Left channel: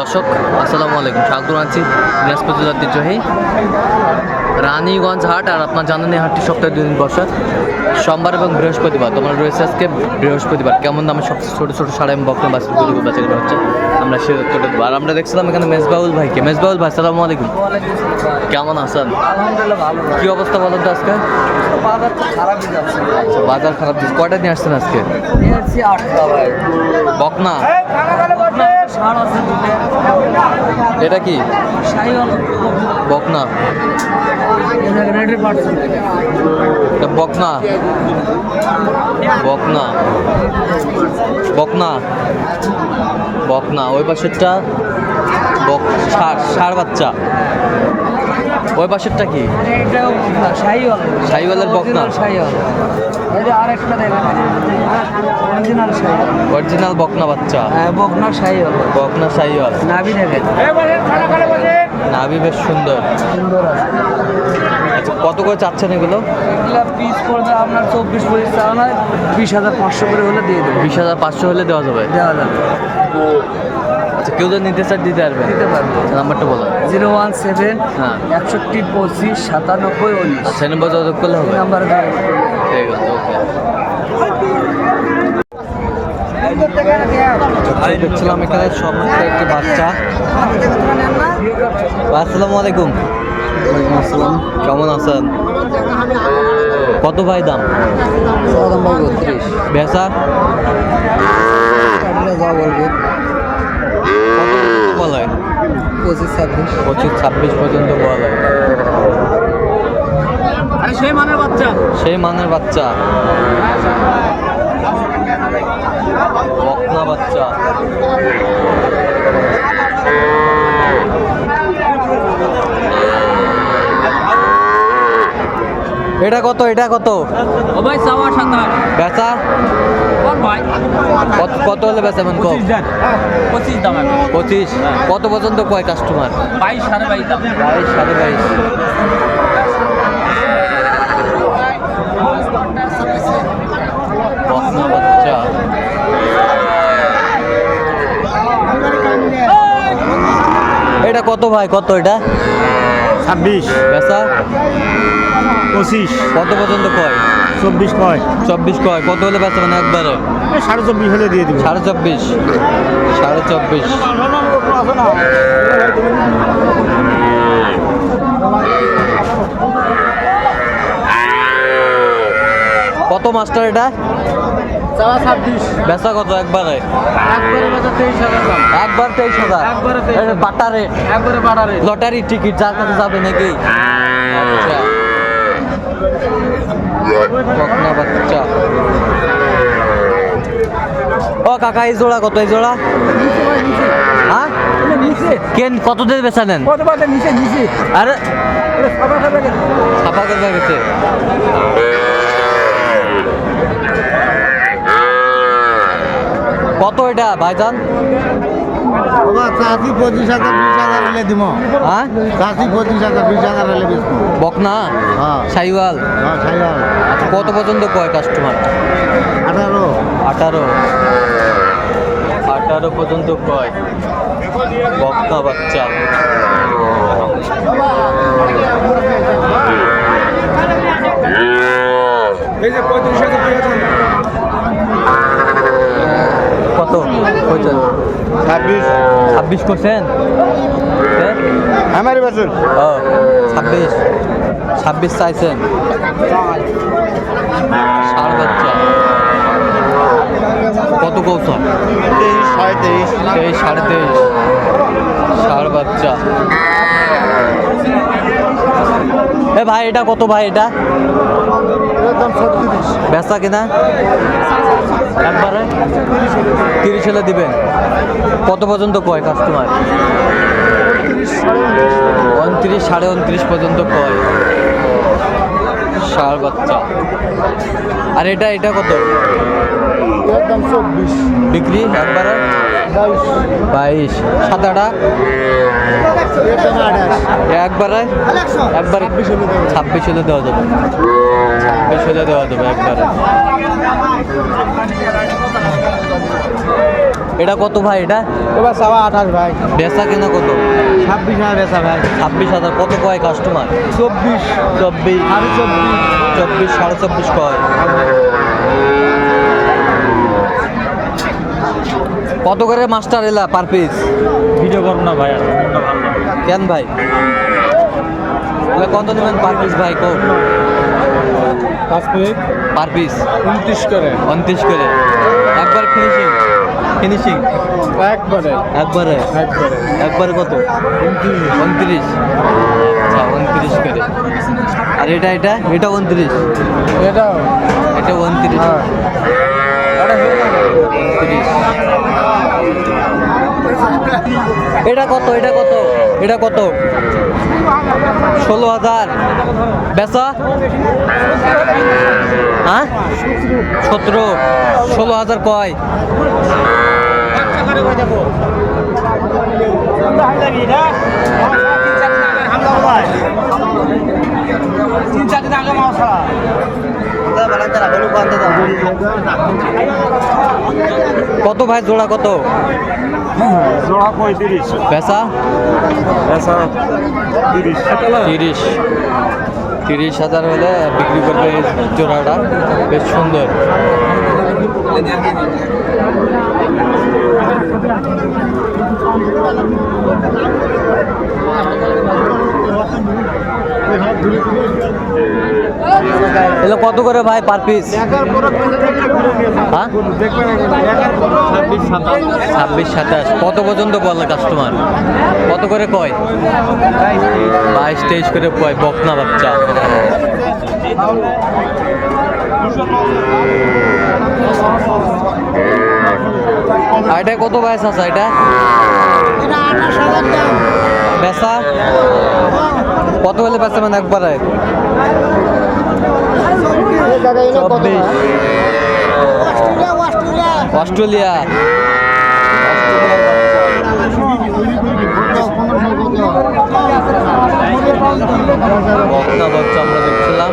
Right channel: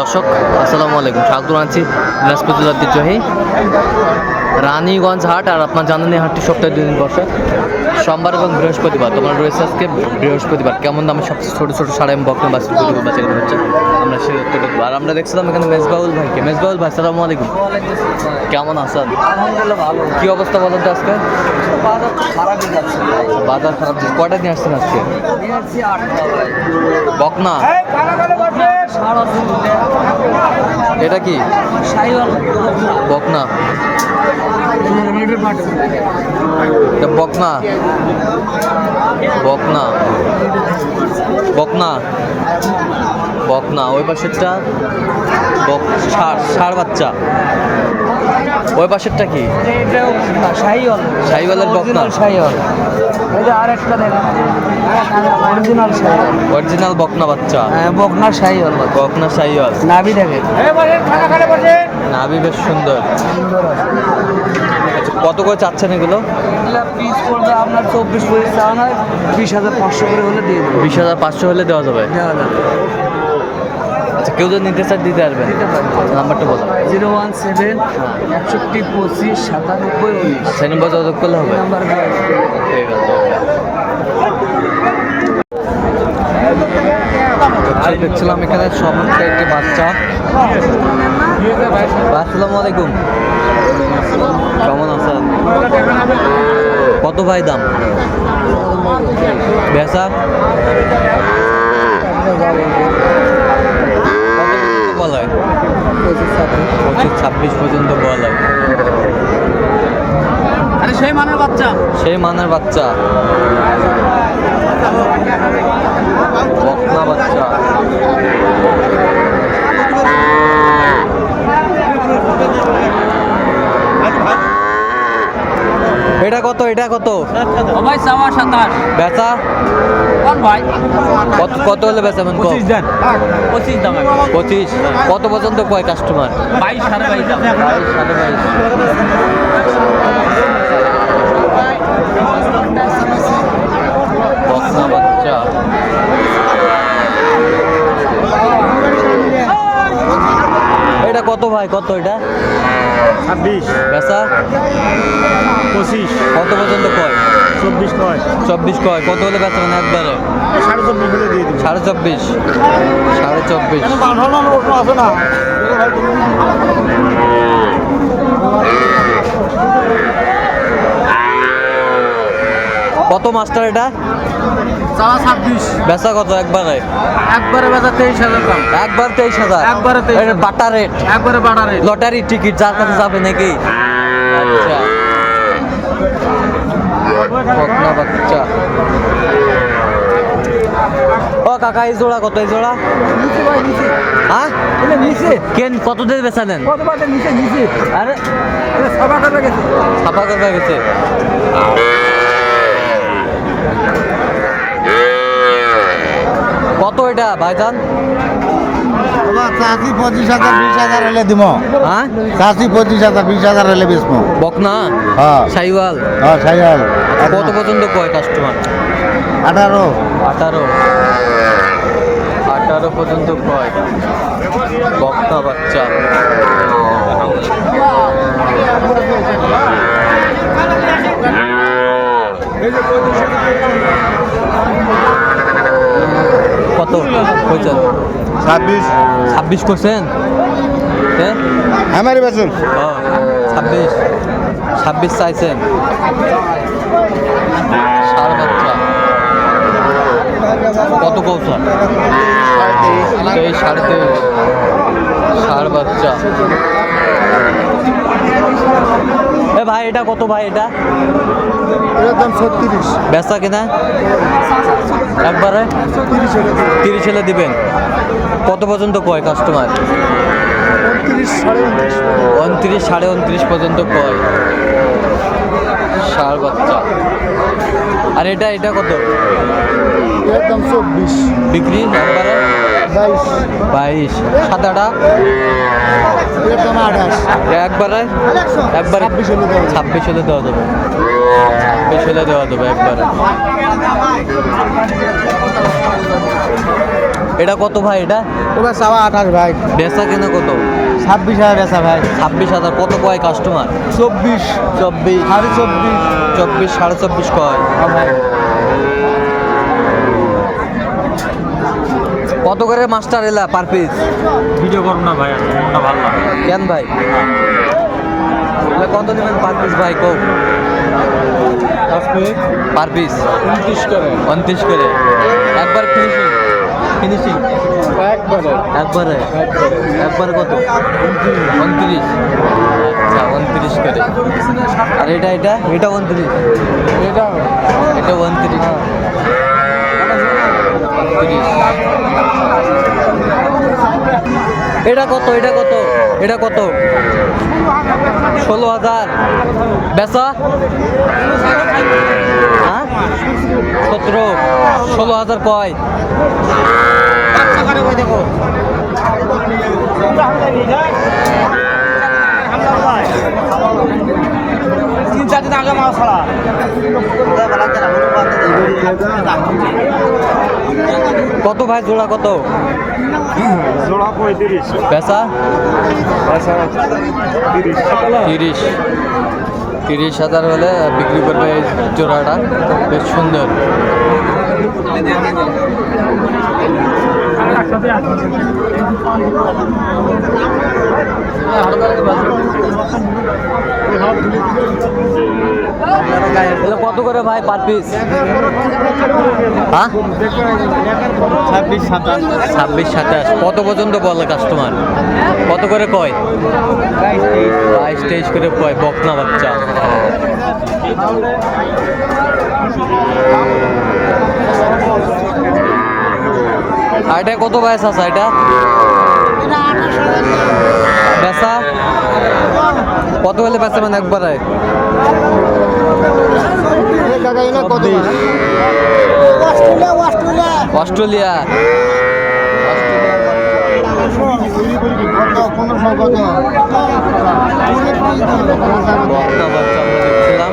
দর্শক, আসসালামু আলাইকুম। স্বাগত আছি বৃহস্পতি ঐতিহ্যহী রানীগঞ্জ হাট, আর আপনার জানেন এই হাটটি সপ্তাহে দুদিন বসে। সোমবার এবং বৃহস্পতিবার তোমার রয়েছে আজকে বৃহস্পতিবার। কেমন দামে সবচেয়ে ছোটো ছোটো সাড়ে এবং বকনা গরু বাচ্চাগুলো হচ্ছে? আমরা সে উত্তরটা দেবো। আর আমরা দেখছিলাম এখানে মেজবাউল ভাইকে। মেজবাউল ভাই সালামু আলাইকুম। কেমন আছেন? আলহামদুলিল্লাহ ভালো কি অবস্থা বলেন তো আজকে? বাজার খারাপই যাচ্ছে। বাজার খারাপ দিচ্ছে কয়টা নিয়ে আসছেন আজকে? বকনা? এটা কি? বকনা। এটা বকনা বকনা বকনা বকনা ওই পাশেরটা বক ষাড় ষাড় বাচ্চা। ওই পাশেরটা কি? শাহিওয়ালের বকনা অরিজিনাল বকনা বাচ্চা। বকনা সাইওয়াল বকনা শাহিওয়াল। নাভি দেখেন নাভি বেশ সুন্দর। সুন্দর আছে। কত করে চাচ্ছেন এগুলো? পিস পড়বে আপনার চব্বিশ পঁচিশ চাওয়া নয় বিশ হাজার পাঁচশো করে হলে দিয়ে দেবো। বিশ হাজার পাঁচশো হলে দেওয়া যাবে? দেওয়া যাবে। আচ্ছা কেউ যদি নিতে চায় দিতে পারবেন। দিতে পারব। নাম্বারটা বলো। জিরো ওয়ান সেভেন হ্যাঁ। একষট্টি পঁচিশ সাতানব্বই উনিশ। আচ্ছা নম্বর যোগাযোগ করলে হবে। নাম্বার ঠিক আছে ওকে। আচ্ছা, দেখছিলাম এখানে সমস্ত একটি বাচ্চা। আসসালামু আলাইকুম। কেমন আছেন? কত ভাই দাম? বেচা? বলায় পঁচিশ ছাব্বিশ পর্যন্ত বলায় সেই মানের বাচ্চা। সেই মানের বাচ্চা। বকনা বাচ্চা। এটা কত এটা কত? ভাই চাওয়া সাতাশ বেচা? ভাই। কত কত হলে বেচাবেন কম? পঁচিশ দাম পঁচিশ? কত পর্যন্ত কয় কাস্টমার বাইশ সাড়ে বাইশ দাম। বাইশ সাড়ে বাইশ। বকনা বাচ্চা। এটা কত ভাই কত এটা? ছাব্বিশ। বেচা? পঁচিশ। কত পর্যন্ত কয়? চব্বিশ নয়। চব্বিশ কয়। কত হলে বেচা মানে একবারে? সাড়ে চব্বিশ হলে দিয়ে দিব। সাড়ে চব্বিশ। সাড়ে চব্বিশ। কত মাস্টার এটা? চাওয়া ছাব্বিশ। বেচা কত একবারে? একবারে বেচা তেইশ হাজার একবার তেইশ হাজার? একবারে 23,000 বাটা রেট। একবারে বাড়া রেট। লটারি টিকিট যার কাছে যাবে নাকি? আচ্ছা। বাচ্চা। ও কাকা এই জোড়া কত? এই জোড়া? হ্যাঁ? কেন কত দিয়ে বেচা নেন? আরে ছাপা করবে গেছে কত এটা ভাইজান চাষি পঁচিশ হাজার বিশ হাজার হলে দিব হ্যাঁ চাষি পঁচিশ হাজার বিশ হাজার হলে বেচবো। বকনা? হ্যাঁ। সাইওয়াল হ্যাঁ আচ্ছা কত পর্যন্ত কয় কাস্টমার? আঠারো। আঠারো। আঠারো পর্যন্ত কয় বক্তা বাচ্চা। কত? কইছেন ছাব্বিশ। ছাব্বিশ করছেন হ্যাঁ আমারই বছর ও ছাব্বিশ। ছাব্বিশ চাইছেন। ষাড় বাচ্চা কত কৌশল? সাড়ে তেইশ সাড়ে তেইশ। ষাড় বাচ্চা এ ভাই এটা কত ভাই এটা? একদম ছত্রিশ। বেচা কিনা? একবারে? তিরিশ হলে দিবেন। কত পর্যন্ত কয় কাস্টমার উনত্রিশ সাড়ে উনত্রিশ পর্যন্ত কয়। ষাড় বাচ্চা। আর এটা এটা কত? বিক্রি একবারে? বাইশ। সাদাটা একবারে? একবারে। ছাব্বিশ হলে দেওয়া যাবে। ছাব্বিশ হলে দেওয়া যাবে। একবারে। এটা কত ভাই এটা? এবার সাবা আঠাশ ভাই। বেচা কেনা কত? ছাব্বিশ হাজার আছে ভাই। ছাব্বিশ হাজার। কত কয় কাস্টমার চব্বিশ। চব্বিশ। সাড়ে চব্বিশ। চব্বিশ সাড়ে চব্বিশ কয়? কত করে মাস্টার এলা পার পিস ভিডিও করব না ভাই মনটা ভালো না। কেন ভাই? কত নেবেন পার পিস ভাই কো পাঁচ মিনিট পার পিস? উনত্রিশ করে। উনত্রিশ করে। একবার ফিনিশিং ফিনিশিং একবারে। একবারে? একবারে। কত? উনত্রিশ। আচ্ছা উনত্রিশ করে। আর এটা এটা? এটা উনত্রিশ। এটা? এটা উনত্রিশ। উনত্রিশ। এটা কত? এটা কত? এটা কত? ষোলো হাজার। বেচা? হ্যাঁ সতেরো ষোলো হাজার কয় তিন চার দিন আগে মাছ ছাড়া কত ভাই জোড়া কত? জোড়া পঁয়ত্রিশ। বেচা? আচ্ছা তিরিশ। তিরিশ। তিরিশ হাজার হলে বিক্রি করবে এই জোড়াটা। বেশ সুন্দর। এগুলো কত করে ভাই পার পিস হ্যাঁ? ছাব্বিশ, সাতাশ। কত পর্যন্ত বলে কাস্টমার কত করে কয়? বাইশ, তেইশ করে কয়, বকনা বাচ্চা। আর এটা কত বয়স আছে এটা? বেচা? কত হলে বেচা মানে একবারে? চব্বিশ। অস্ট্রেলিয়া। অস্ট্রেলিয়ার বকনা আমরা দেখছিলাম।